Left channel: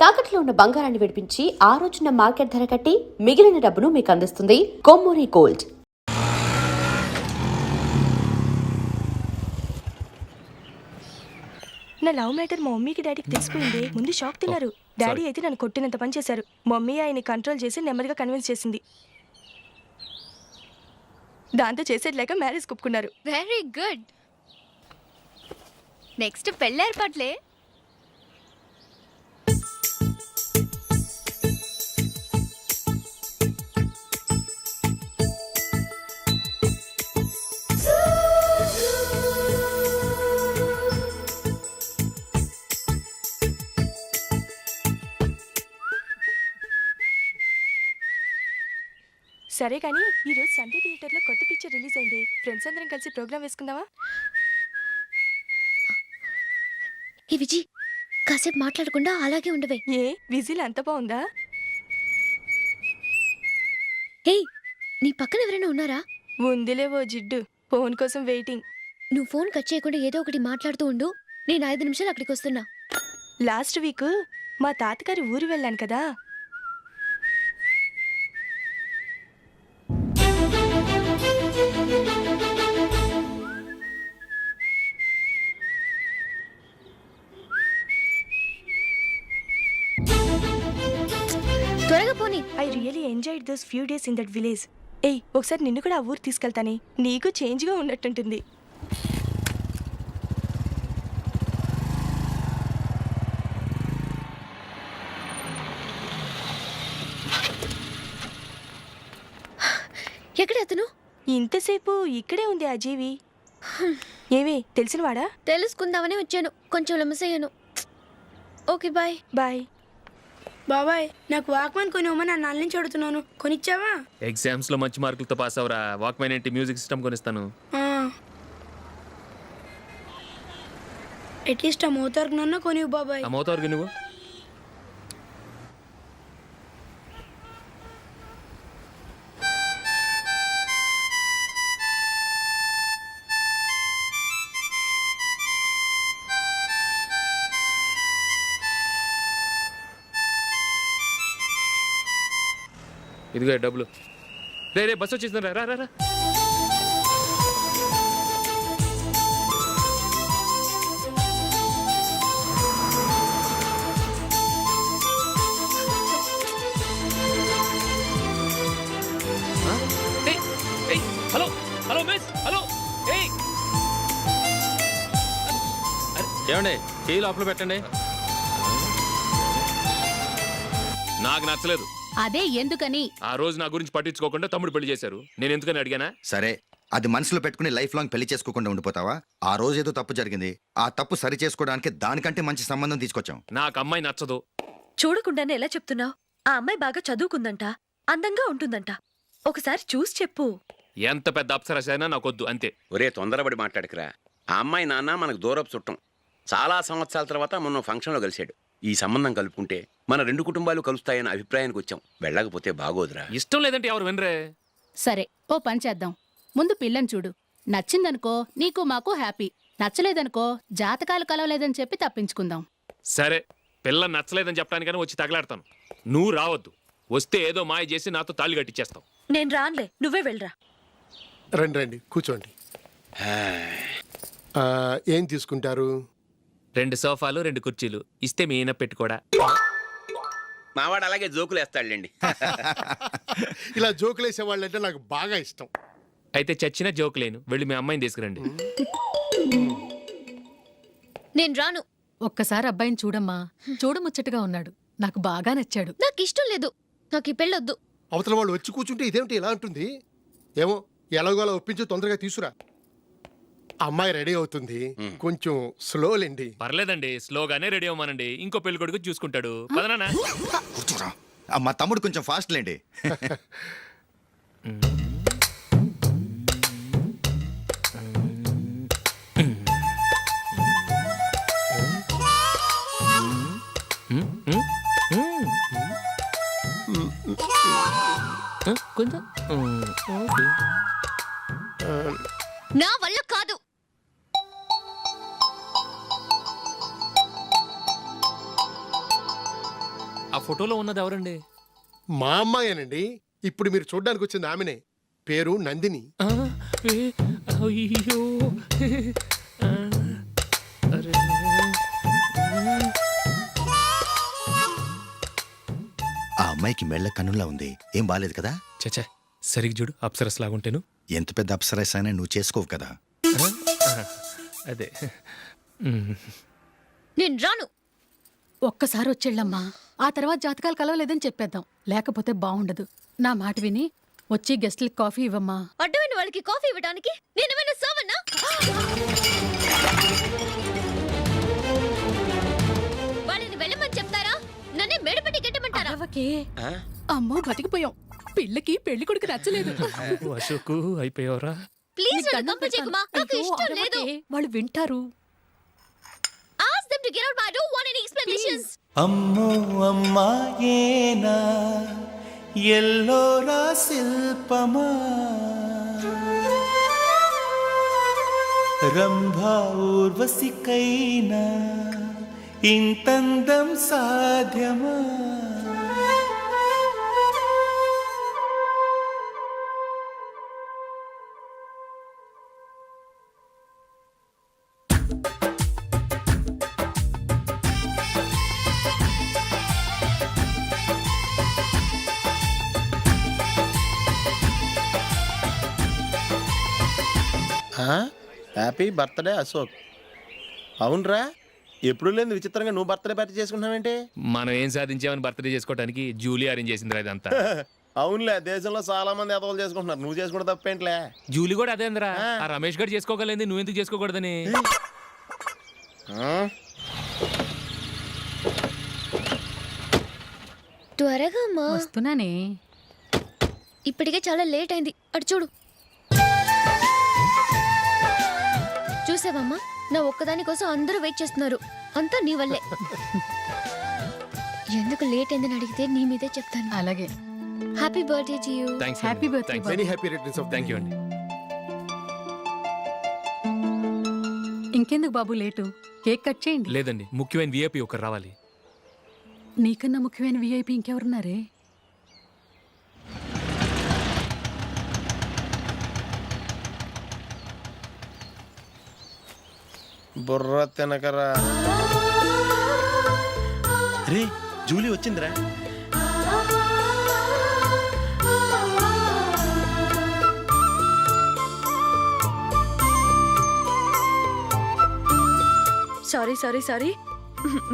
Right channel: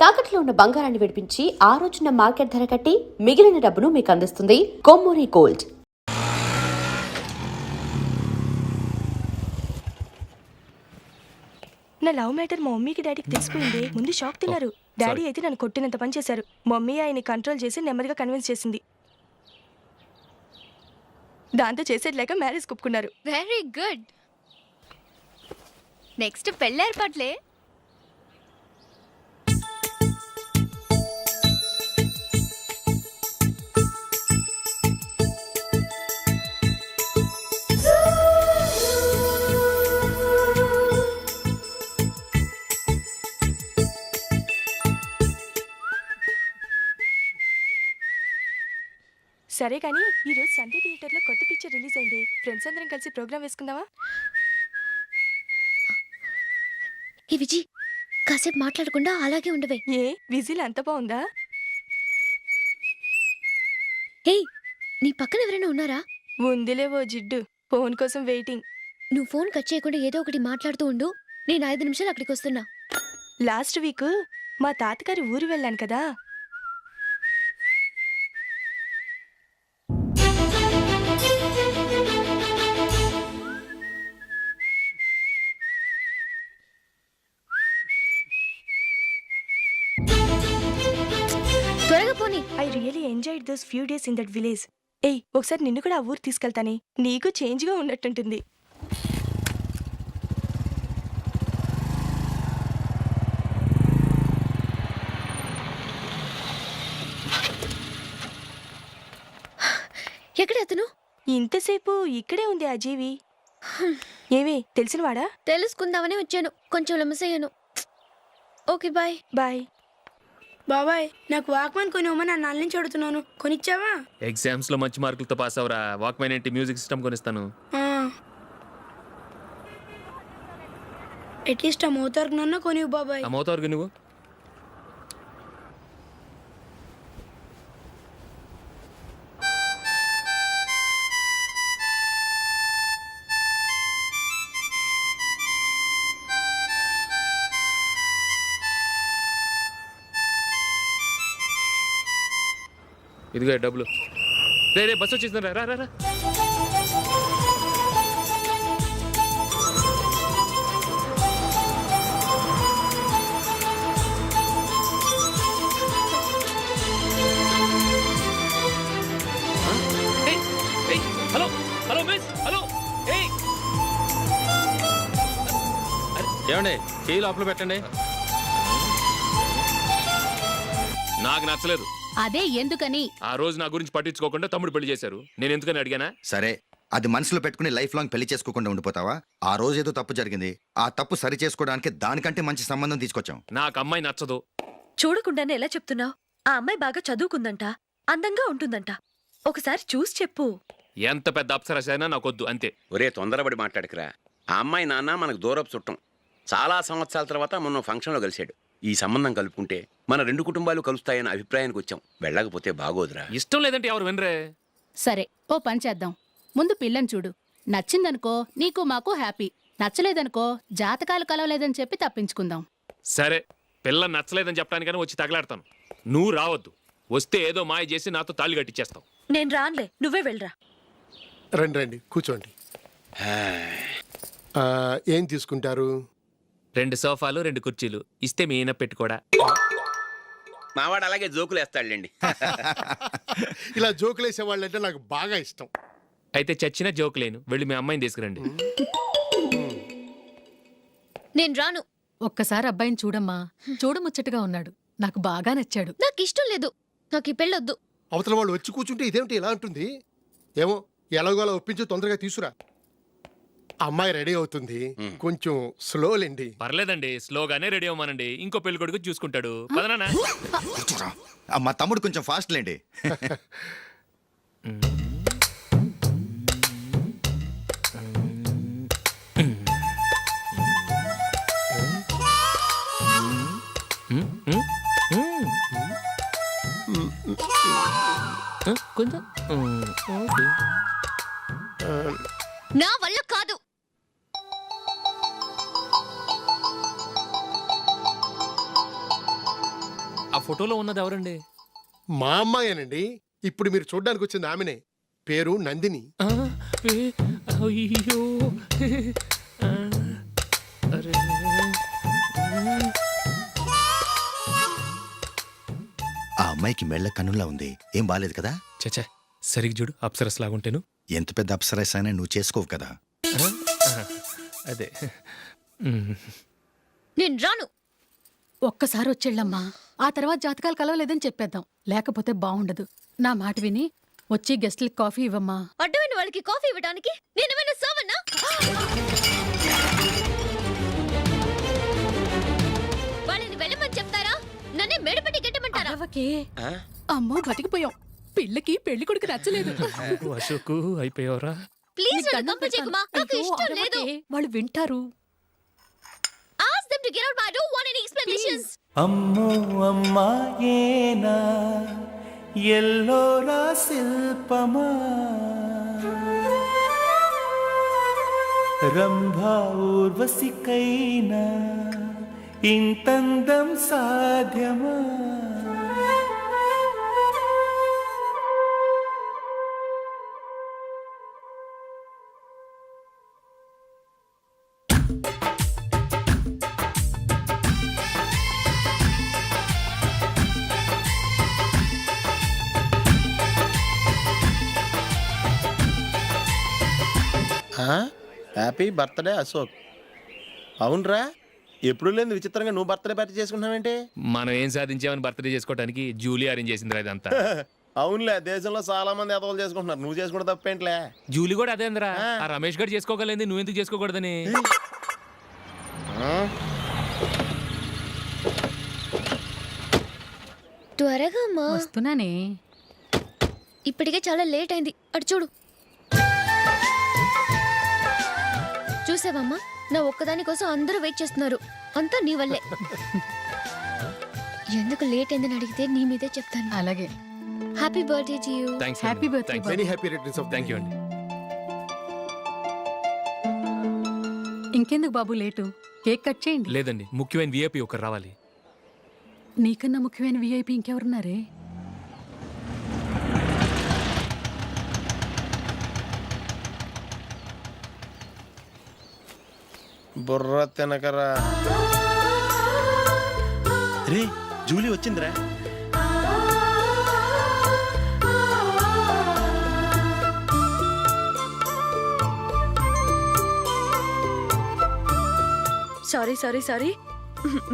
తాకట్లో ఉన్న బంగారాన్ని విడిపించి ఆ రోజున మార్కెట్ ధర కట్టి మిగిలిన డబ్బును మీకు అందిస్తుంది కొమ్మూరి గోల్డ్. నా లవ్ మ్యాటర్ మా మమ్మీకి డాడీకి తెలిసిపోయింది. ముందు షాక్ తిన్నారు. డాడీ అయితే నన్ను కొట్టినంత పని చేశారు. మమ్మీ ఆయన్ని కంట్రోల్ చేసి నెమ్మదిగా కన్విన్స్ చేసింది. దాంతో చేసేది లేక మ్యారేజ్ ఒప్పుకున్నారు. Very good. నెక్స్ట్ పెళ్ళి ఏర్పాట్లే. సరే కానీ ఈరోజు సండే థియేటర్లో కొత్త పిక్చర్ రిలీజ్ అయింది. ఫ్రెండ్స్ అందరం కలిసి ప్రోగ్రామ్ వేసుకుందామా? ఈ విజి కాసేపు మాట్లాడకుండా అలాగే ఉండవే. ఏ విజిల్ అంత బాగుందా? హే, నీ పక్కన ఎవరైనా ఉన్నారా? ఉందిలే ఓ జిడ్డు. ఫోన్ కోసం వెయిటింగ్. నువ్వు ఫోన్ కట్ చేయకుండా ఏదో ఒకటి మాట్లాడుతూ ఉండు. నేను 5 నిమిషాలు అక్కడికి వస్తున్నా. లాస్ట్ వీక్ మా తాతగారి ఊరు వెళ్ళాను కదా. త్వరగా పోనీ. I really enjoyed those few days in that village. ఏయ్, ఒకసారి నిన్ను కూడా ఆ ఊరు తీసుకెళ్తానే. నీకు చేంజ్గా ఉన్నట్టుంటుంది. ఎక్కడ అతను? ఇంతసేపు ఇక్కడే ఉంది ఆ జీవి. ఏమి తెలిసినవాడా? తెలుసుకుందామని వచ్చాను. కొంచెం లెమసయ్యాను. Okay bye. బాయ్. బాబాయ్, నాకు వాక్మెన్ కొనివ్వమని నా నాన్న నుంచి అడుగుతున్నాను. కొనిచ్చావా? ఎగ్జామ్స్ లో మంచి మార్కులతో పాస్ అవరా. వాక్మెన్ ఏంటి, మ్యూజిక్ సిస్టమ్ కొనిస్తాను. అట్లీస్ట్ ఆ మోతార్కు నన్న కొనివ్వు బాబాయ్. ఆ మోతార్కు నువ్వు ఇదిగో డబ్బులు. రే రే బస్సు వచ్చేసింది. రా రా రా. Hello hello miss, hello. ఏమండి, చేయి లోపల పెట్టండి. నాకు నచ్చలేదు. అదే ఎందుకని? ఆ రోజు నా గురించి పట్టించుకోకుండా తమ్ముడు పెళ్లి చేశారు. నేను ఎందుకని అడిగానా? సరే, అది మనసులో పెట్టుకుని లైఫ్ లాంగ్ పెళ్లి చేసుకోకుండా ఉండిపోతావా? ఆ రోజు ఏదో తప్పు జరిగింది. ఆ తప్పు సరి చేసుకోవడానికి దానికంటే మంచి సంబంధం తీసుకొచ్చాం. నాకు అమ్మాయి నచ్చదు. చూడకుండానే ఎలా చెప్తున్నావు? ఆ అమ్మాయి బాగా చదువుకుందంట, అందంగా ఉంటుందంట. ఒకసారి చూసి చెప్పు. ఎంత పెద్ద అప్సరసైనా నాకొద్దు, అంతే. ఒరే, తొందరపడి మాట్లాడకురా. ఆ అమ్మాయి నాన్న మనకు దూరపు చుట్టం. చాలా సంవత్సరాల తర్వాత మొన్న ఫంక్షన్లో కలిశాడు. ఈ సంబంధం కలుపుకుంటే మన 2 కుటుంబాలు కలుస్తాయన్న అభిప్రాయానికి వచ్చాం. వెళ్ళకపోతే బాగోదురా. ఇష్టం లేదంటే ఎవరు వినరే. సరే, ఓ పని చేద్దాం. ముందు పిల్లని చూడు. నచ్చిందనుకో నీకు మాకు హ్యాపీ. నచ్చలేదనుకో జాతకాలు కలవలేదని చెప్పి తప్పించుకుందాం. సరే, పిల్ల నచ్చలేదని చెప్పడానికైనా వచ్చి తగలాడతాను. నువ్వు రావద్దు. వస్తే ఏదో మాయ చేసి నాతో తాళి కట్టించేస్తావు. నేను రాన్లే, నువ్వే వెళ్ళరా. రండి రండి, కూర్చోండి. ఏం తీసుకుంటారు? 2 సోఫాలు 2 కుర్చీలు ఇస్తే మీ ఈయన పెట్టుకోడా. మావాడు అలాగే జోకులు వేస్తాడులేండి. ఇలా జోకులు వేసేవాళ్ళంటే నాకు బాగా ఇష్టం. అయితే చచ్చిన జోకు లేను. వెళ్ళి మీ అమ్మాయిని తీసుకురండి. నేను రాను. ఒక్కసారి అబ్బాయిని చూడమ్మా. చూడముచ్చటగా ఉన్నాడు. నాకు బాగా నచ్చాడు. నాకు ఇష్టం లేదు. నాకు ఈ పెళ్ళొద్దు. అవతల వాళ్ళు వచ్చి కూర్చుంటే ఇదేమిటి ఇలా ఉంటుంది? ఏమో, ఎలాగోలా ఒప్పించి తొందరగా తీసురా. అమ్మాయి రెడీ అవుతుంది. కొంచెం స్లోలేండి. పర్లేదండి, స్లోగానే రెడీ అవ్వమానండి. ఇంకో పెళ్లి కొడుకు చూసుకుంటాడు. పదనా. కూర్చోరా. మా తమ్ముడు కొంచెం ఫాస్ట్ లేండి. కొంచెం నా వల్ల కాదు. ఆ ఫోటోలో ఉన్నది ఎవరండి? మా అమ్మాయేనండి. ఇప్పుడు మీరు చూడ్డానికి వచ్చింది ఆమెనే. పేరు నందిని. ఆ, అయ్యో ఆ, అరే. ఆ అమ్మాయికి మెళ్ళ కన్నులా ఉంది. ఏం బాలేదు కదా? చచ్చా సరిగ్గా చూడు, అప్సరస్ లాగుంటేను. ఎంత పెద్ద అప్సరస్ అయినా నువ్వు చేసుకోవు కదా. అదే. నేను రాను. ఒక్కసారి వచ్చేళ్ళమ్మా, ఆ తర్వాత జాతకాలు కలవలేదని చెప్పేద్దాం, లేకపోతే బాగుండదు. నా మాట విని వచ్చి గెస్ట్లకి కాఫీ ఇవ్వమ్మా. అడ్డమైన వాళ్ళకి కాఫీ ఇవ్వడానికి నేనేమైనా సోవన్నా? వాళ్ళని వెళ్ళమని చెప్తారా, నన్నే మేడపట్టి గెట్టమంటారా? అరవకే. అమ్మో బతికిపోయాం. పిల్లకి పెళ్లి కొడుకు నచ్చలేదు. అశోక్ అయిపోయావరా? ప్లీజ్ నన్ను కంపెల్ చేయకుమా, నాకు అయ్యో, ఇష్టం లేదు. అరవకే. వాళ్ళు వింటారు. Ask them to get out, I don't want any explanations. అమ్మో అమ్మాయేనా ఎల్లోరా శిల్పమా రంభా ఊర్వశికైనా ఇంతందం సాధ్యమా? Happy birthday Ashok. అవునరా, ఎప్పుడు లేదు విచిత్రంగా నువ్వు బర్త్డే పార్టీ చేసుకుంటున్నావేంటి? మనం ఏం సాధించామని బర్త్డే చేసుకోవడానికి జూలీ అరేంజ్ చేసింది ఇదంతా. అవునులే, దేశంలో చాలా మంది ఎదవలు చేసుకుంటున్నారు, నువ్వు చేసుకుంటే తప్పేంట్లే. జూలీ కూడా అదే అందరా. ఆ రమేష్ గారు చేసుకోగలేదు, నువ్వు ఎందుకు చేసుకోకూడదని. త్వరగా అమ్మా, వస్తున్నానే. ఇప్పటికే చాలా లేట్ అయింది. అటు చూడు. చూసావమ్మా, నా ఒక్కదాని కోసం అందరూ వెయిట్ చేస్తున్నారు. అంతా నీ వల్లే. ఎందుకు లేట్ అయిందని అడిగితే నీ మీదే చెప్తాను. అలాగే. Happy birthday to you. Thanks. Happy birthday. Very happy returns of thank you అండి. ఇంకెందుకు బాబు లేటు, కేక్ కట్ చేయండి. లేదండి, ముఖ్యమైన విఐపి ఒకరు రావాలి. నీకన్నా ముఖ్యమైన విఐపి ఇంకెవరున్నారే? బుర్ర తినకరా. రే, జూలీ వచ్చిందిరా. Sorry sorry sorry,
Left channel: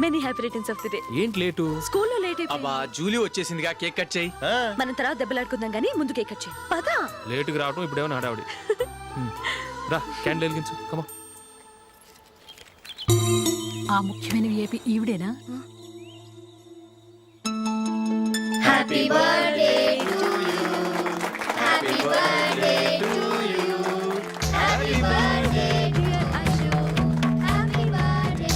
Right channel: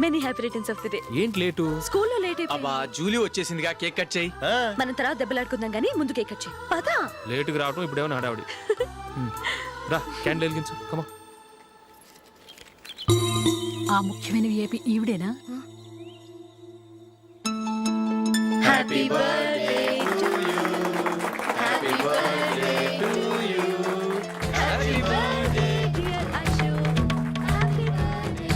many happy returns of the day. ఏంటి లేటు? స్కూల్లో లేట్ అయిపోయింది. అబ్బా జూలీ వచ్చేసిందిగా, కేక్ కట్ చేయి. మనం తర్వాత దెబ్బలాడుకుందాం గానీ ముందు కేక్ కట్ చేయి. పదా. లేటుగా రావటం ఇప్పుడేమో హడావుడి. రా, క్యాండిల్ వెలిగించు. కమా. ఆ ముఖ్యమైన విఐపి ఈవిడేనా? Happy birthday to you. Happy birthday to you. Happy birthday dear Ashok. Happy birthday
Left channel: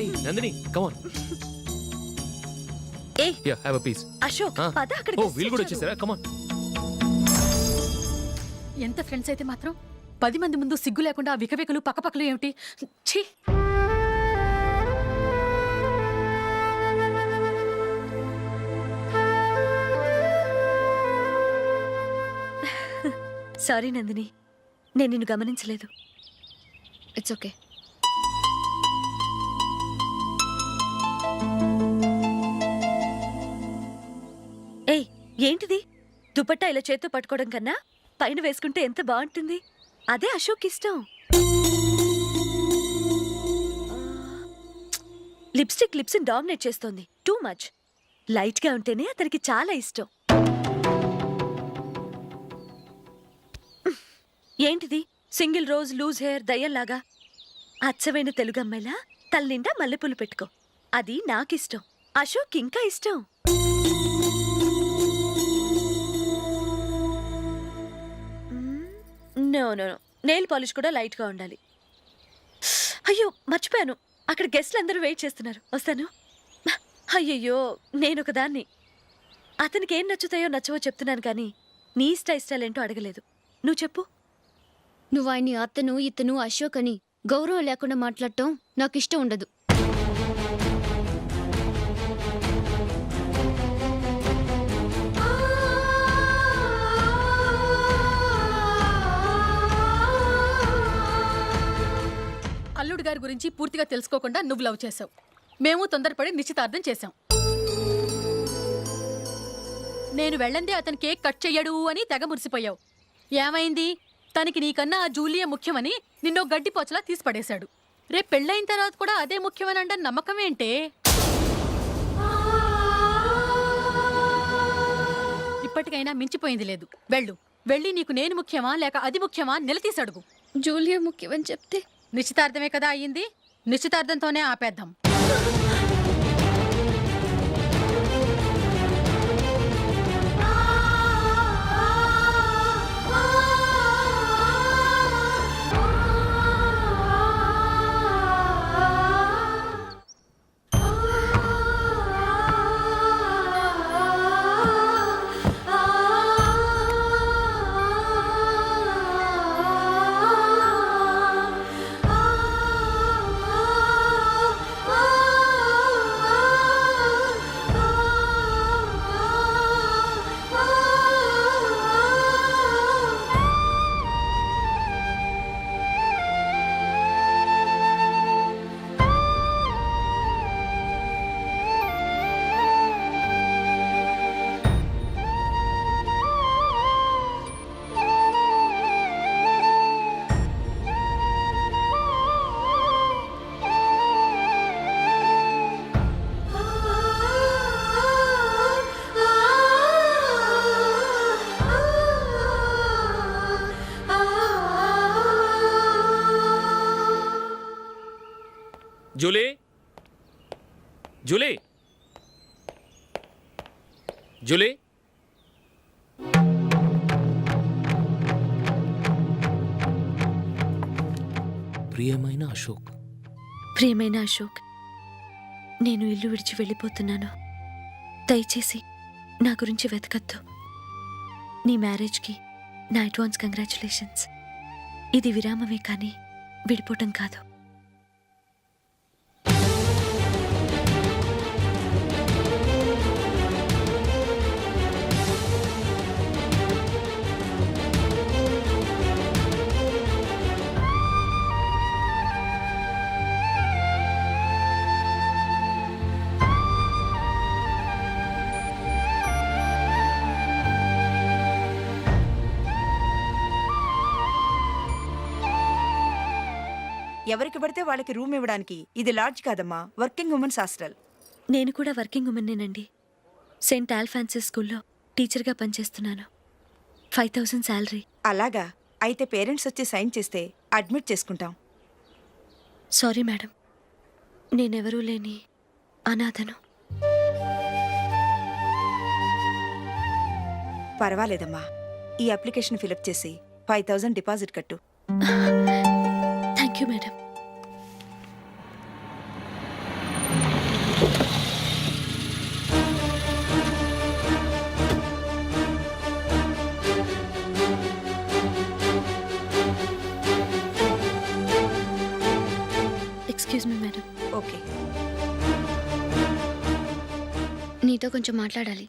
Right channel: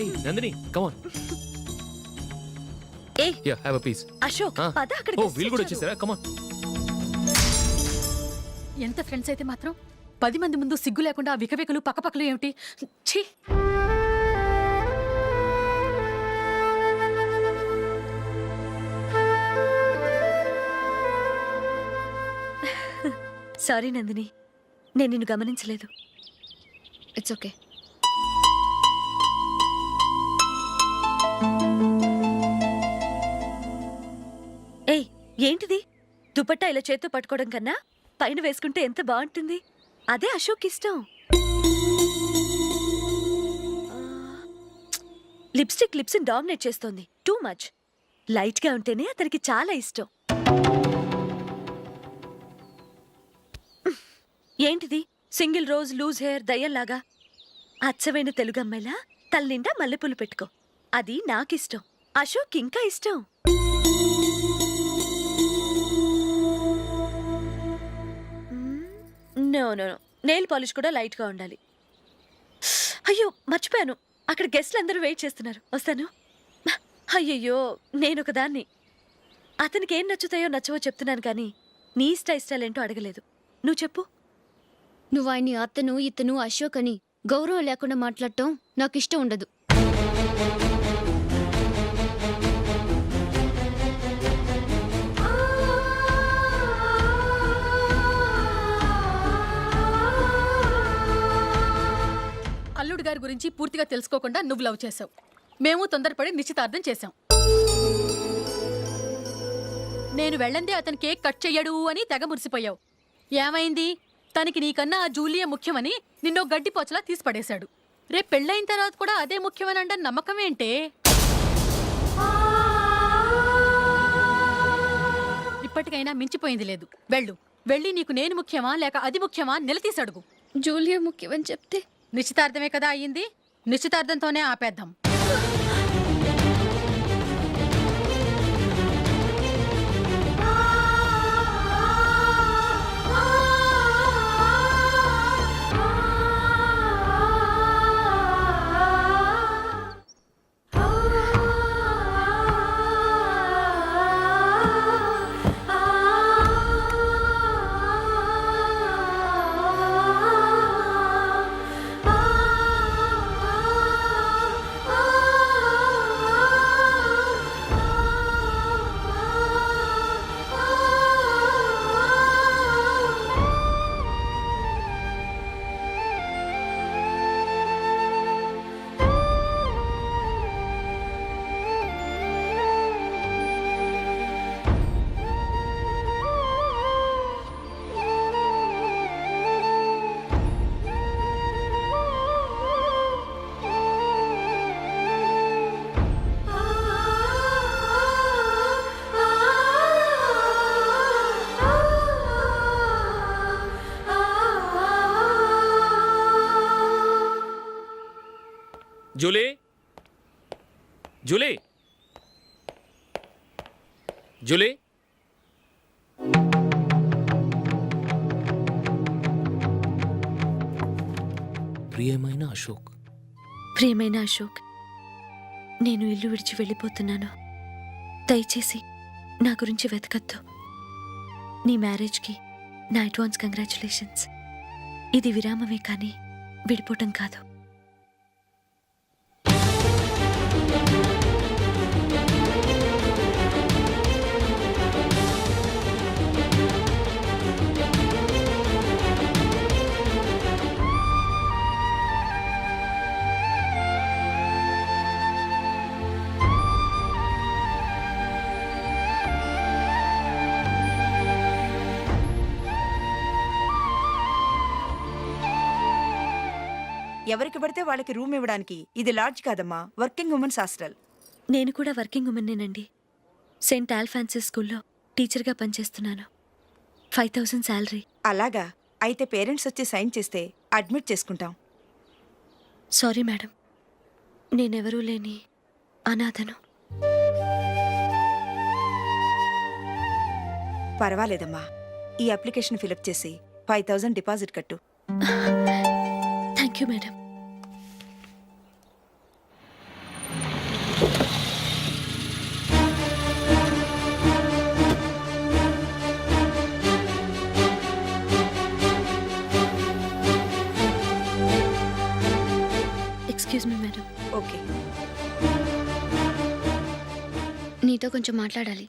ఏయ్ నందిని, కమ్ ఆన్. ఏయ్, yeah, have a piece. Ashok పద, అక్కడ ఓ వీళ్ళు కూడా వచ్చేసారా? Come on. ఎంత ఫ్రెండ్స్ అయితే మాత్రం 10 మంది ముందు సిగ్గు లేకుండా ఆ వికవికలు పక్కపక్కలు ఏమిటి? ఛీ! సారీ నందిని, నేను నిన్ను గమనించలేదు. It's okay. ఏయ్, ఏంటిది? దుపట్టా ఇలా చేత్తో పట్టుకోవడం కన్నా పైన వేసుకుంటే ఎంత బాగుంటుంది. అదే అశోక్ ఇష్టం. లిప్స్టిక్ లిప్స్ డామినేట్ చేస్తోంది. Too much. లైట్ గా ఉంటేనే అతనికి చాలా ఇష్టం. ఏంటిది? సింగిల్ రోజ్ లూజ్ హెయిర్ దయ్యంలాగా. అచ్చమైన తెలుగు అమ్మాయిలా తల్లిండా మల్లెపూలు పెట్టుకో. అది నాకిష్టం. అశోక్ ఇంకా ఇష్టం. No no no, nail polish కూడా లైట్ గా ఉండాలి. అయ్యో మర్చిపోయాను, అక్కడ గెస్ట్లు అందరూ వెయిట్ చేస్తున్నారు. వస్తాను. అయ్యయ్యో, నేనొక దాన్ని. అతనికి ఏం నచ్చుతాయో నచ్చవో చెప్తున్నాను కానీ నీ ఇష్టాలేంటో అడగలేదు. నువ్వు చెప్పు. నువ్వు ఆయన్ని అతను ఇతను అశోక్ అని గౌరవం లేకుండా మాట్లాడటం నాకు ఇష్టం ఉండదు. అల్లుడు గారి గురించి పూర్తిగా తెలుసుకోకుండా నువ్వు లవ్ చేసావు. మేము తొందరపడి నిశ్చితార్థం చేశాం. నేను వెళ్ళందే అతను కేక్ కట్ చెయ్యడు అని తెగ మురిసిపోయావు. ఏమైంది? తనకి నీకన్నా ఆ జూలియా ముఖ్యమని నిన్నో గడ్డిపోచలా తీసి పడేశాడు. రేపు పెళ్ళైన తర్వాత కూడా అదే ముఖ్యమని అంటే నమ్మకం ఏంటే? ఇప్పటికైనా మించిపోయింది లేదు. వెళ్ళి నీకు నేను ముఖ్యమా లేక అది ముఖ్యమా నిలదీసి అడుగు. జూలియా ముఖ్యమని చెప్తే నిశ్చితార్థమే కదా అయ్యింది. నిశ్చితార్థంతోనే ఆపేద్దాం. జూలీ, జూలీ, జూలీ, ప్రియమైన అశోక్. ప్రియమైన అశోక్, నేను ఇల్లు విడిచి వెళ్ళిపోతున్నాను. దయచేసి నా గురించి వెతకద్దు. నీ మ్యారేజ్కి నా అడ్వాన్స్ కంగ్రాచులేషన్స్. ఇది విరామమే కానీ విడిపోవటం కాదు. ఎవరికి పడితే వాళ్ళకి రూమ్ ఇవ్వడానికి ఇది లాడ్జ్ కాదమ్మా, వర్కింగ్ ఉమెన్స్ హాస్టల్. నేను కూడా వర్కింగ్ ఉమెన్నేనండి. సెయింట్ ఆల్ఫాన్సిస్ స్కూల్లో టీచర్గా పనిచేస్తున్నాను. 5000 శాలరీ. అలాగా? అయితే పేరెంట్స్ వచ్చి సైన్ చేస్తే అడ్మిట్ చేసుకుంటాం. సారీ మేడం, నేనెవరూ లేని అనాథను. పర్వాలేదమ్మా, ఈ అప్లికేషన్ ఫిలప్ చేసి 5000 డిపాజిట్ కట్టు. Thank you madam. Excuse me madam. Okay. నీతో కొంచెం మాట్లాడాలి.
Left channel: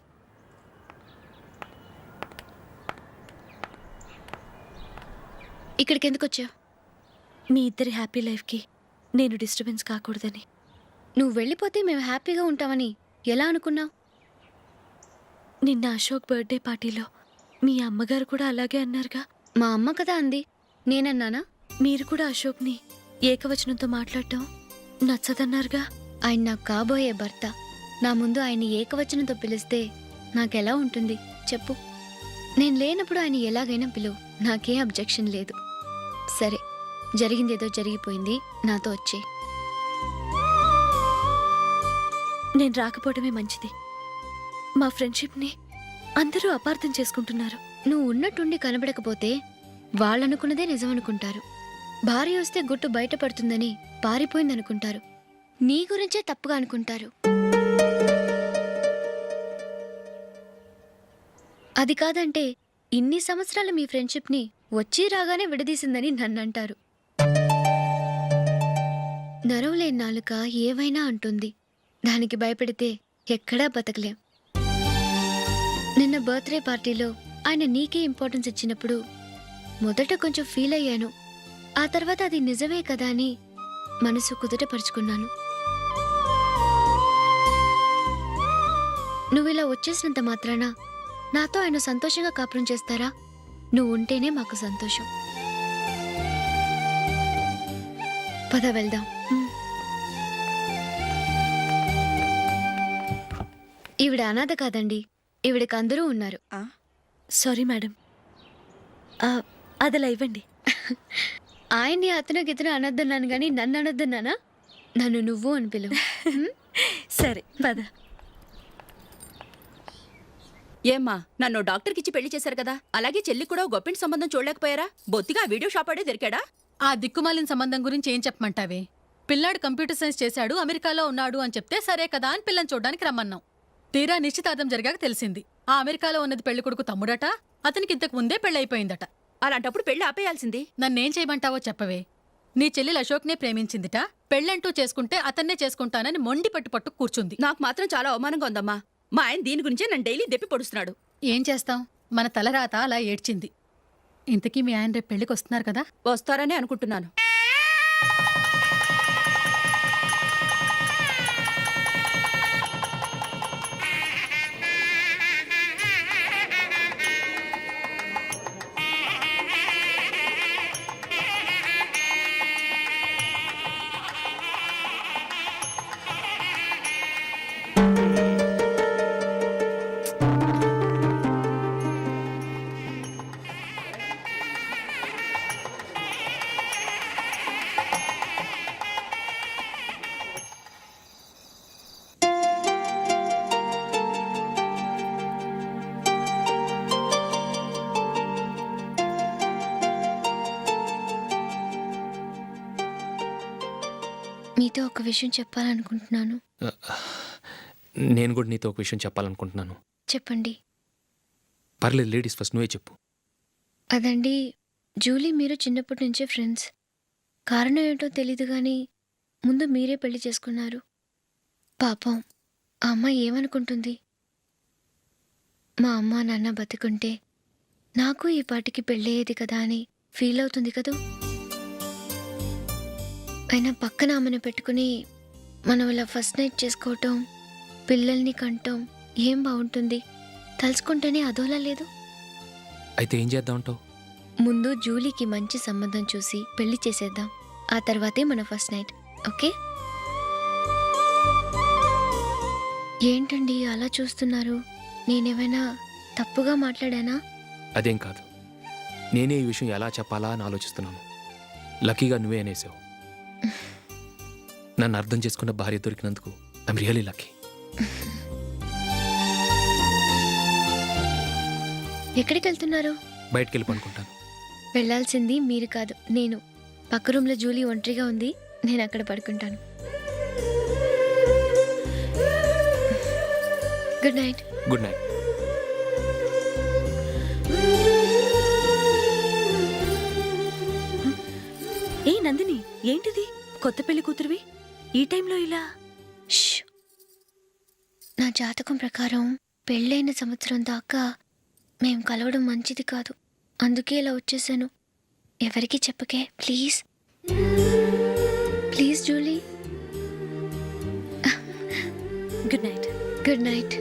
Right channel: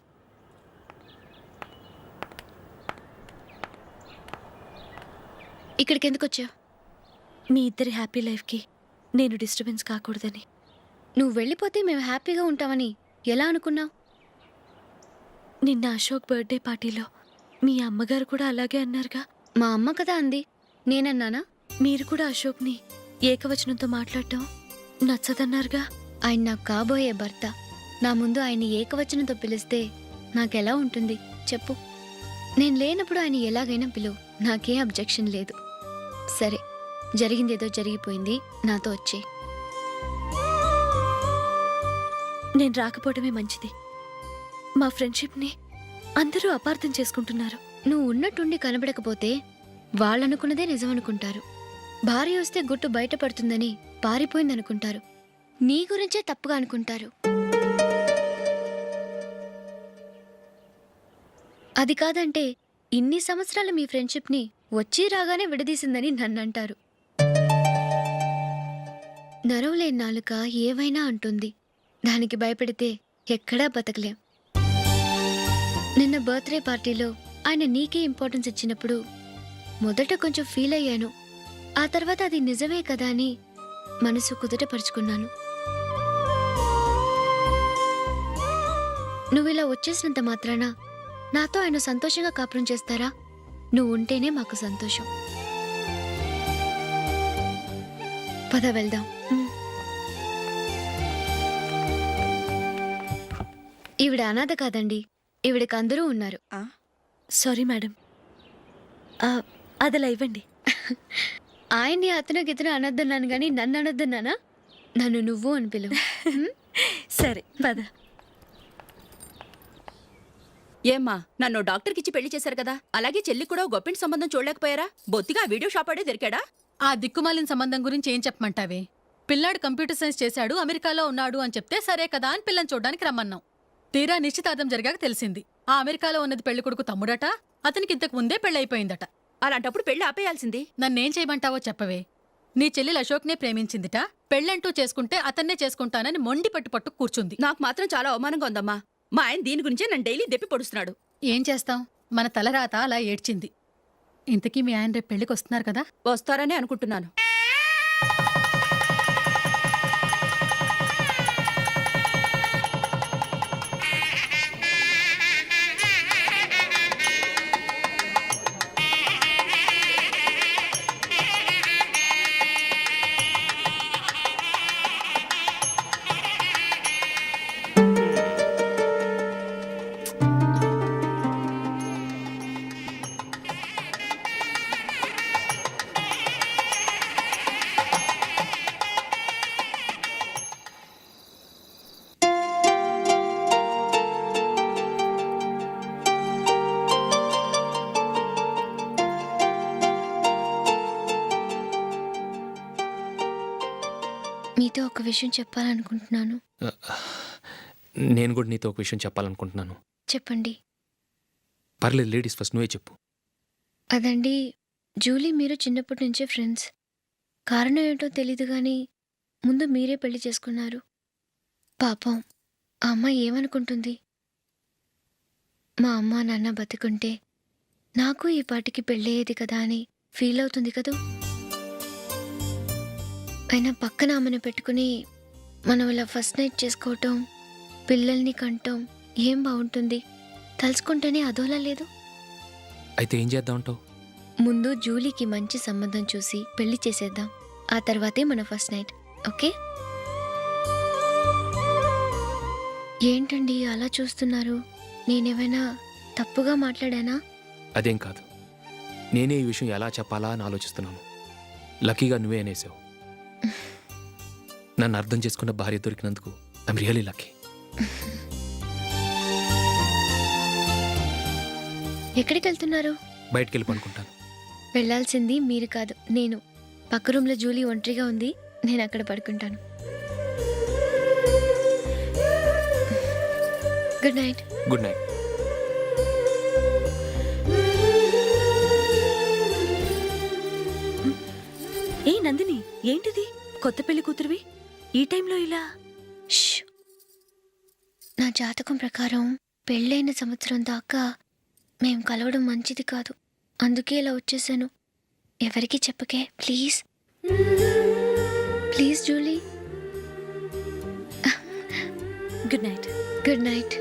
ఇక్కడికి ఎందుకు వచ్చావు? మీ ఇద్దరి హ్యాపీ లైఫ్కి నేను డిస్టర్బెన్స్ కాకూడదని. నువ్వు వెళ్ళిపోతే మేము హ్యాపీగా ఉంటామని ఎలా అనుకున్నావు? నిన్న అశోక్ బర్త్డే పార్టీలో మీ అమ్మగారు కూడా అలాగే అన్నారుగా. మా అమ్మ కదా అంది, నేనన్నానా? మీరు కూడా అశోక్ని ఏకవచనంతో మాట్లాడటం నచ్చదన్నారుగా. ఆయన నాకు కాబోయే భర్త. నా ముందు ఆయన్ని ఏకవచనంతో పిలిస్తే నాకెలా ఉంటుంది చెప్పు? నేను లేనప్పుడు ఆయన ఎలాగైనా పిలువు, నాకేం అబ్జెక్షన్ లేదు. సరే, జరిగిందేదో జరిగిపోయింది, నాతో వచ్చే. నేను రాకపోవడమే మంచిది. మా ఫ్రెండ్షిప్ని అందరూ అపార్థం చేసుకుంటున్నారు. నువ్వు ఉన్నట్టుండి కనబడకపోతే వాళ్ళనుకున్నదే నిజమనుకుంటారు. భార్య వస్తే గుట్టు బయటపడుతుందని పారిపోయిందనుకుంటారు. నీ గురించే తప్పుగా అనుకుంటారు. అది కాదంటే ఇన్ని సంవత్సరాల మీ ఫ్రెండ్షిప్ని వచ్చి రాగానే విడదీసిందని నన్నంటారు. నరవలేని నాలుక ఏవైనా అంటుంది. దానికి భయపడితే ఎక్కడా బతకలేం. నిన్న బర్త్డే పార్టీలో ఆయన నీకే ఇంపార్టెన్స్ ఇచ్చినప్పుడు మొదట కొంచెం ఫీల్ అయ్యాను. ఆ తర్వాత అది నిజమే కదా అని మనసు కుదుటపరుచుకున్నాను. నువ్విలా వచ్చేసినంత మాత్రాన నాతో ఆయన సంతోషంగా కాపురం చేస్తారా? నువ్వు ఉంటేనే మాకు సంతోషం. పద వెళ్దాం. ఈవిడ అనాథ కాదండి, ఈవిడకి అందరూ ఉన్నారు. సారీ మేడం, అదలా ఇవ్వండి. ఆయన్ని అతను గితను అనొద్దన్నాను గాని నన్ను అనొద్దన్నానా? నన్ను నువ్వు అని పిలువు. సరే పద. ఏమ్మా, నన్ను డాక్టర్కిచ్చి పెళ్లి చేశారు కదా, అలాగే చెల్లి కూడా గొప్పింటి సంబంధం చూడలేకపోయారా? బొత్తిగా వీడియో షాప్ ఆడే దొరికాడా? ఆ దిక్కుమాలిన సంబంధం గురించి ఏం చెప్పమంటావే? పిల్లాడు కంప్యూటర్ సైన్స్ చేశాడు, అమెరికాలో ఉన్నాడు అని చెప్తే సరే కదా అని పిల్లని చూడడానికి రమ్మన్నాం. తీరా నిశ్చితార్థం జరిగాక తెలిసింది ఆ అమెరికాలో ఉన్నది పెళ్లి కొడుకు తమ్ముడట, అతనికి ఇంతకు ముందే పెళ్ళైపోయిందట. అలాంటప్పుడు పెళ్లి ఆపేయాల్సింది. నన్నేం చేయమంటావో చెప్పవే. నీ చెల్లెలు అశోక్నే ప్రేమించిందిట, పెళ్ళంటూ చేసుకుంటే అతన్నే చేసుకుంటానని మొండి పట్టు కూర్చుంది. నాకు మాత్రం చాలా అవమానంగా ఉందమ్మా. మా ఆయన దీని గురించే నన్ను డైలీ దెప్పి పొడుస్తున్నాడు. ఏం చేస్తాం, మన తలరాత అలా ఏడ్చింది. ఇంతకీ మీ ఆయన రేపు పెళ్లికి వస్తున్నారు కదా? వస్తారనే అనుకుంటున్నాను. మీతో ఒక విషయం చెప్పాలనుకుంటున్నాను. నేను కూడా నీతో ఒక విషయం చెప్పాలనుకుంటున్నాను. చెప్పండి. పర్లేదు, లేడీస్ ఫస్ట్, నువ్వే చెప్పు. అదండి, జూలీ మీరు చిన్నప్పటి నుంచే ఫ్రెండ్స్. కారణం ఏంటో తెలీదు కానీ ముందు మీరే పెళ్లి చేసుకున్నారు. పాపం ఆ అమ్మాయి ఏమనుకుంటుంది? మా అమ్మ నాన్న బతికుంటే నాకు ఈ పాటికి పెళ్ళయ్యేది కదా అని ఫీల్ అవుతుంది కదూ. అయినా పక్కన ఆమెను పెట్టుకుని మనం ఇలా ఫస్ట్ నైట్ చేసుకోవటం, పిల్లల్ని కంటాం ఏం బాగుంటుంది? తలుచుకుంటేనే అదోలా లేదు. అయితే ఏం చేద్దామంటావు? ముందు జూలీకి మంచి సంబంధం చూసి పెళ్లి చేసేద్దాం, ఆ తర్వాతే మన ఫస్ట్ నైట్. ఓకే? ఏంటండి అలా చూస్తున్నారు? నేనేమైనా తప్పుగా మాట్లాడానా? అదేం కాదు, నేనే ఈ విషయం ఎలా చెప్పాలా అని ఆలోచిస్తున్నాను. లక్కీగా నువ్వే అనేసావు. నన్ను అర్థం చేసుకున్న భార్య దొరికినందుకు ఐఎమ్ రియలీ లక్కీ. ఎక్కడికి వెళ్తున్నారు? బయటికి వెళ్ళి పడుకుంటాను. వెళ్ళాల్సింది మీరు కాదు, నేను. పక్క రూమ్లో జూలీ ఒంటరిగా ఉంది, నేను అక్కడ పడుకుంటాను. Good night. Good night. ఏ నందిని, ఏంటిది? కొత్త పెళ్లి కూతురువి ఈ టైంలో ఇలా? నా జాతకం ప్రకారం పెళ్ళైన సంవత్సరం దాకా మేం కలవడం మంచిది కాదు, అందుకే ఇలా వచ్చేసాను. ఎవరికి చెప్పకే please. Please Julie. Good night. Good night.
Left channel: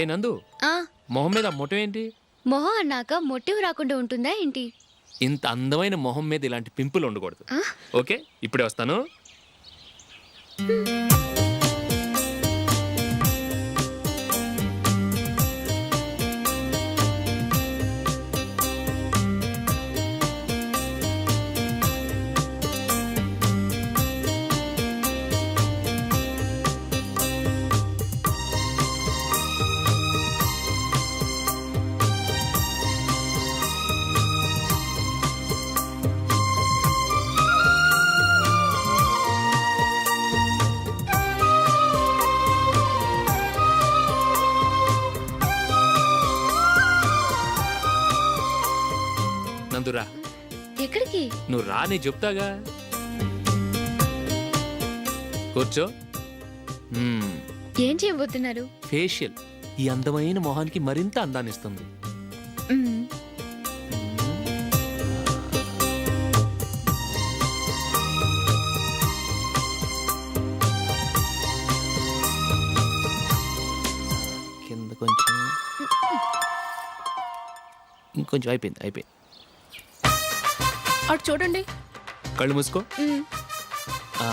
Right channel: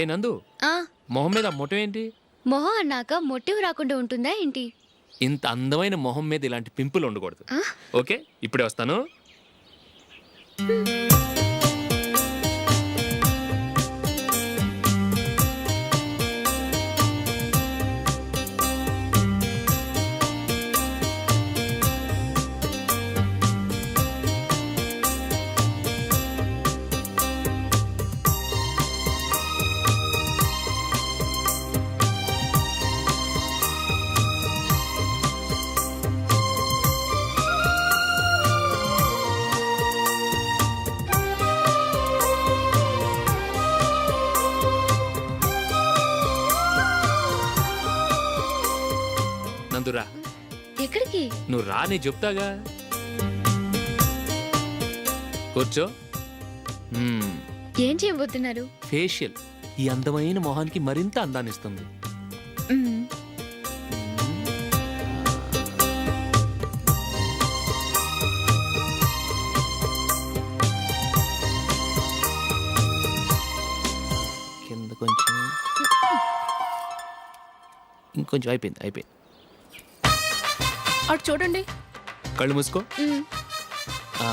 ఏ నందు, మొహం మీద మొట్టం ఏంటి? మొహం అన్నాక మొటివ్ రాకుండా ఉంటుందా ఏంటి? ఇంత అందమైన మొహం మీద ఇలాంటి పింపుల్ ఉండకూడదు. ఓకే, ఇప్పుడే వస్తాను. నందురా ఎక్కడికి? నువ్వు రా నీ చెప్తాగా. కూర్చో. ఏం చేయబోతున్నారు? ఫేషియల్ ఈ అందమైన మొహానికి మరింత అందాన్నిస్తుంది. మ్మ్. కింద కొంచెం, ఇంకొంచెం. అయిపోయింది. అటు చూడండి. కళ్ళు మూసుకో. మ్మ్. ఆ,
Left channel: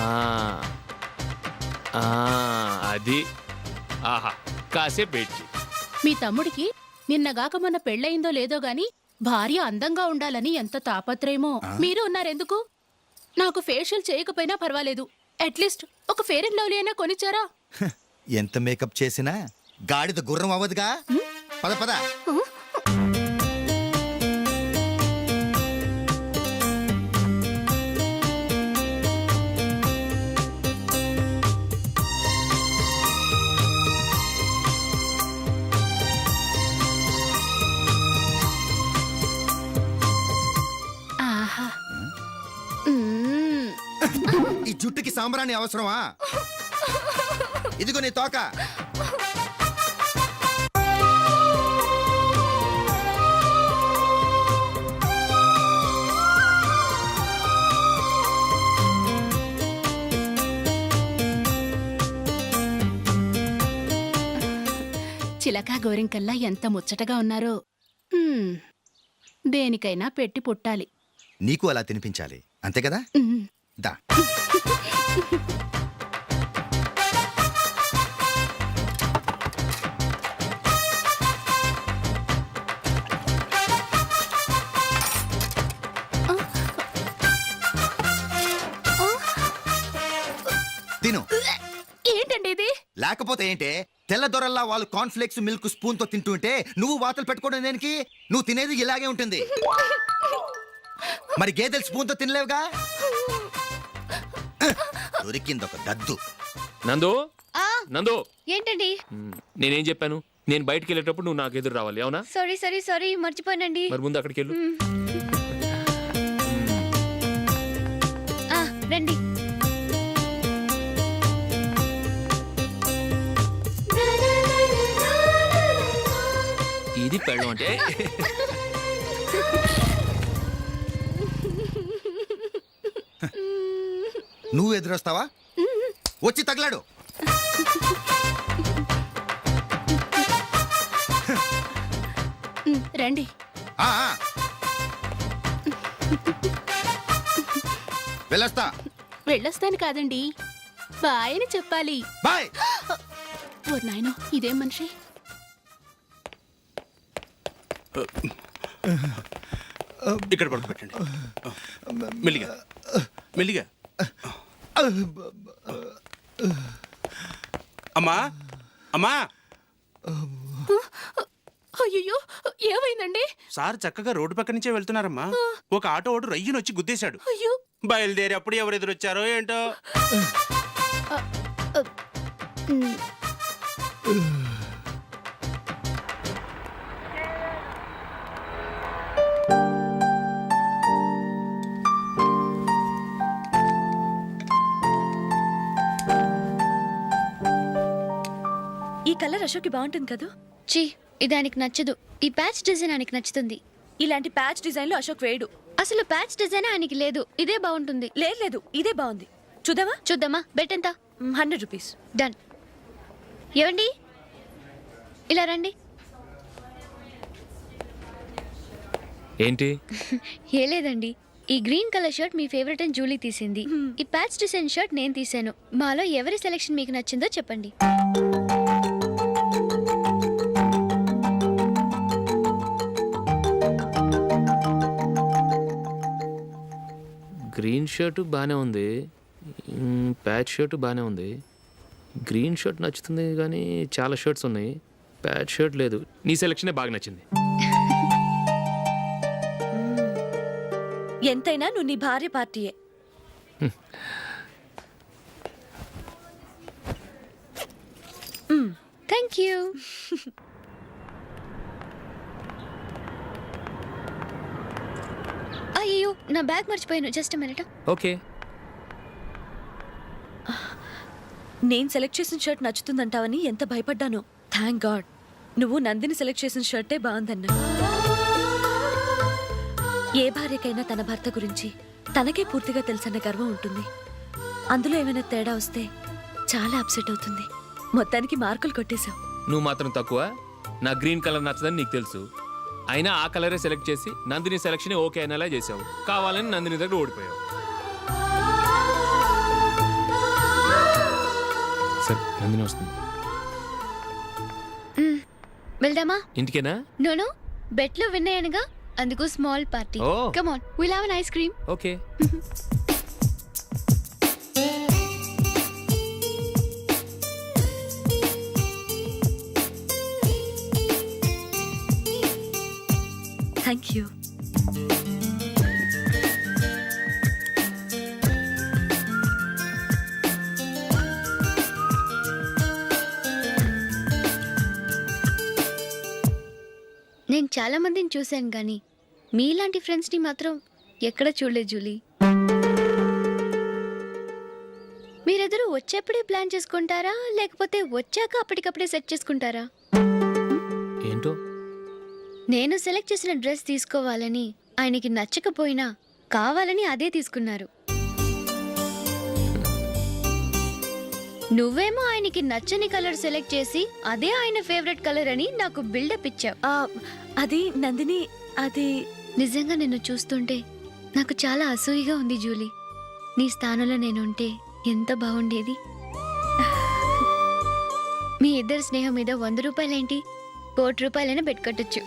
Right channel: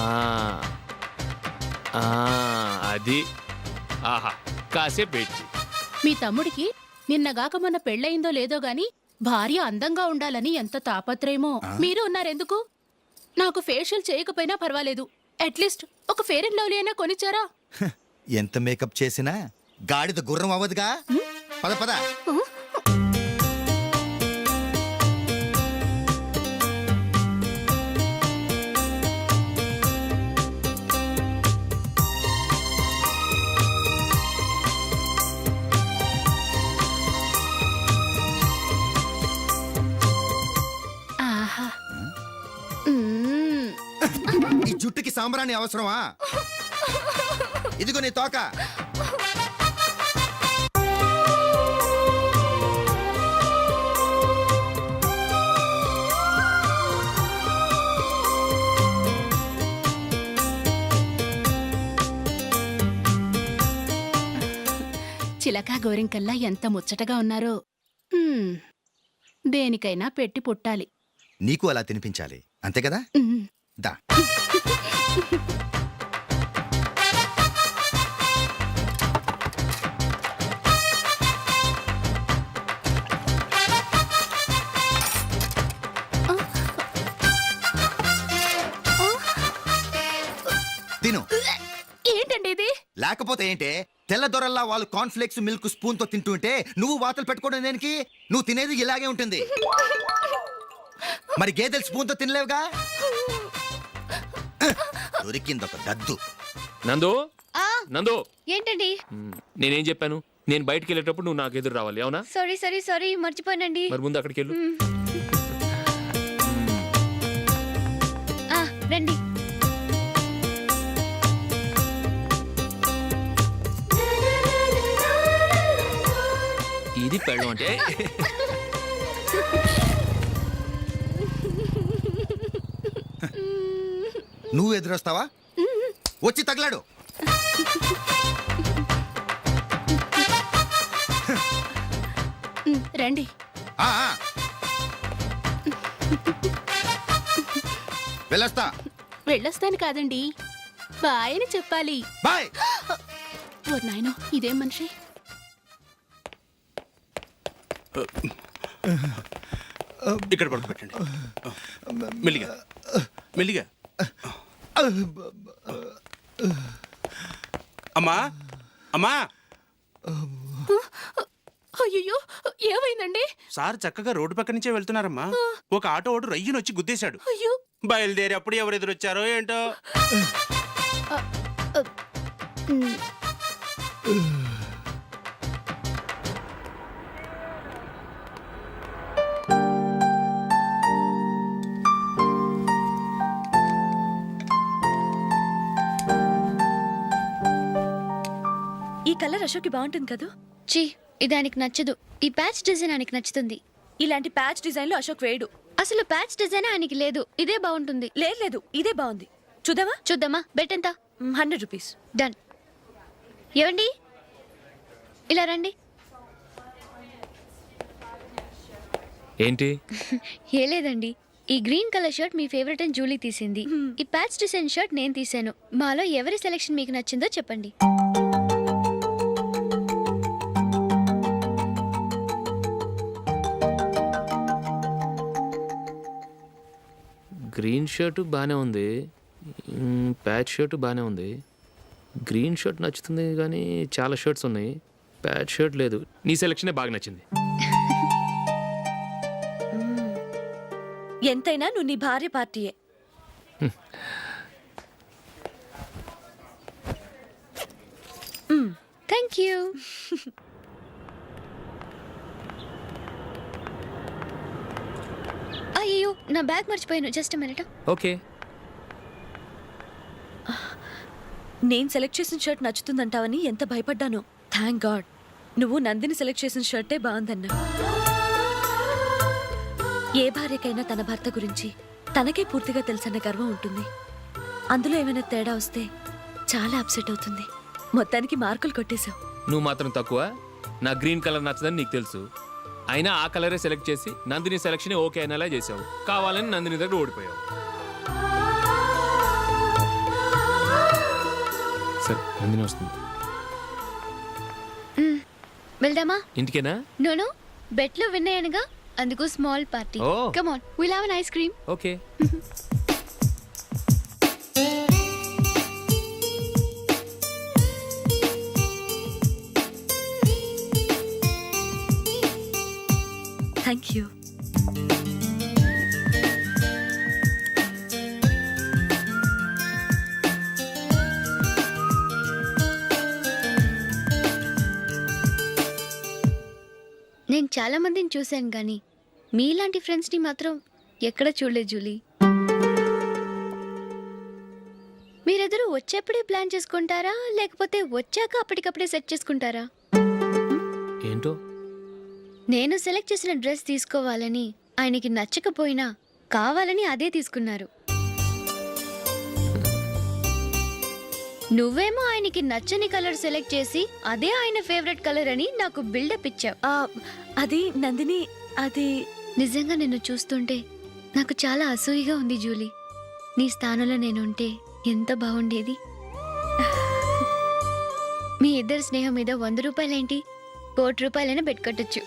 ఆ, అది. ఆహా, కాసేపు వెయిట్ చెయ్యి. మీ తమ్ముడికి నిన్నగాక మొన్న పెళ్ళయిందో లేదో గాని భార్య అందంగా ఉండాలని ఎంత తాపత్రయమో. మీరు ఉన్నారెందుకు? నాకు ఫేషియల్ చేయకపోయినా పర్వాలేదు, అట్లీస్ట్ ఒక ఫేర్ అండ్ లవ్లీ అయినా కొనిచ్చారా? ఎంత మేకప్ చేసినా గాడిద గుర్రం అవ్వదుగా. పద పద. ఆహా. మ్మ్. ఈ జుట్టుకి సాంబ్రాణి అవసరమా? ఇదిగో నీ తోక. చిలకా గోరింకల్లా ఎంత ముచ్చటగా ఉన్నారో. దేనికైనా పెట్టి పుట్టాలి. నీకు అలా తినిపించాలి, అంతే కదా? మ్మ్. దా. తిను. ఏంటండి ఇది? లేకపోతే ఏంటే, తెల్ల దొరల్లా వాళ్ళు కార్న్ఫ్లేక్స్ మిల్క్ స్పూన్ తో తింటుంటే నువ్వు వాతలు పెట్టుకోవడం దేనికి? నువ్వు తినేది ఇలాగే ఉంటుంది. మరి గేదెలు స్పూన్ తో తినలేవుగా. దొరికింది ఒక దద్దు. నందు, ఆ, నందు, ఏంటండి? నేనేం చెప్పాను? నేను బయటికి వెళ్ళేటప్పుడు నువ్వు నాకు ఎదురు రావాలి, అవునా? సారీ మర్చిపోయానండి. మరి ముందు అక్కడికి వెళ్ళు. ఆ, రండి. ఇది పెళ్ళం అంటే. నువ్వు ఎదురొస్తావా? వచ్చి తగలాడు. రండి. ఆ, ఆ. వెళ్ళొస్తా. వెళ్ళొస్తాను కాదండి, బాయ్ అని చెప్పాలి. బాయ్. ఓ నాయనో, ఇదేం మనిషి? ఇక్కడ పడుకోబెట్టండి. మెల్లిగా మెల్లిగా. అమ్మా అమ్మా. అయ్యో, ఏమైందండి? సార్ చక్కగా రోడ్డు పక్క నుంచే వెళ్తున్నారమ్మా. ఒక ఆటో ఓడు రయ్యను వచ్చి గుద్దేశాడు. అయ్యో. బయలుదేరి అప్పుడు ఎవరు ఎదురొచ్చారో ఏంటో. మ్మ్. ఈ కలర్ అశోక్కి బాగుంటుంది కదా. ఛీ, ఇది ఆయనకి నచ్చదు. ఈ ప్యాచ్ డిజైన్ ఆయనకి నచ్చుతుంది. ఇలాంటి ప్యాచ్ డిజైన్లు అశోక్ వేయడు. అసలు ప్యాచ్ డిజైన్ ఆయనకి లేదు. ఇదే బాగుంటుంది. లేదు, ఇదే బాగుంది. చూద్దామా? చూద్దామా. బెట్ ఎంత? 100 రూపీస్. డన్. ఏవండి, ఇలా రండి. ఏంటి? ఏ లేదండి, ఈ గ్రీన్ కలర్ షర్ట్ మీ ఫేవరెట్ అని జూలీ తీసింది. ఈ ప్యాచ్ డిజైన్ షర్ట్ నేను తీసాను. మాలో ఎవరి సెలెక్షన్ మీకు నచ్చిందో చెప్పండి. గ్రీన్ షర్ట్ బాగానే ఉంది, ప్యాచ్ షర్ట్ బాగానే ఉంది. గ్రీన్ షర్ట్ నచ్చుతుంది కానీ చాలా షర్ట్స్ ఉన్నాయి, ప్యాచ్ షర్ట్ లేదు. నీ సెలెక్షనే బాగా నచ్చింది. ఎంతైనా నువ్వు నీ భార్య పార్టీయే. Thank you. నా బ్యాగ్ మర్చిపోయాను. Just minute. ఓకే. నేను సెలెక్ట్ చేసిన షర్ట్ నచ్చుతుందంటావని ఎంత భయపడ్డానో. థ్యాంక్ గాడ్ నువ్వు నందిని సెలెక్ట్ చేసిన షర్టే బాగుందన్నా. ఏ భార్యకైనా తన భర్త గురించి తనకే పూర్తిగా తెలుసన్న గర్వం ఉంటుంది. అందులో ఏమైనా తేడా వస్తే చాలా అప్సెట్ అవుతుంది. మొత్తానికి మార్కులు కొట్టేశావు. నువ్వు మాత్రం తక్కువ. నా గ్రీన్ కలర్ నచ్చదని నీకు తెలుసు. అయినా ఆ కలరే సెలెక్ట్ చేసి నందిని సెలెక్షన్ ఓకే అనేలా చేసావు. కావాలని నందిని దగ్గర ఓడిపోయావు. సరే, నందిని వస్తుంది. వెళ్దామా? ఇంటికేనా? నోను, బెట్లో విన్నాయనగా, అందుకు స్మాల్ పార్టీ. ఓ. Come on, will have an ice cream. Okay. Thank you. నేను చాలా మందిని చూశాను కానీ మీలాంటి ఫ్రెండ్స్ని మాత్రం ఎక్కడ చూడలేదు జూలీ. మీరెదరూ వచ్చేప్పుడే ప్లాన్ చేసుకుంటారా, లేకపోతే వచ్చాక అప్పటికప్పుడే సెట్ చేసుకుంటారా? ఏంటో నేను సెలెక్ట్ చేసిన డ్రెస్ తీసుకోవాలని ఆయనకి నచ్చకపోయినా కావాలని అదే తీసుకున్నారు. నువ్వేమో ఆయనకి నచ్చని కలర్ సెలెక్ట్ చేసి అదే ఆయన ఫేవరెట్ కలర్ అని నాకు బిల్డప్ ఇచ్చావు. అది నందిని, అది నిజంగా నిన్ను చూస్తుంటే నాకు చాలా అసూయగా ఉంది జూలీ. నీ స్థానంలో నేనుంటే ఎంత బాగుండేది. మీ ఇద్దరి స్నేహం మీద 100 రూపాయలేంటి, 1,00,00,000 పెట్టుకట్టచ్చు.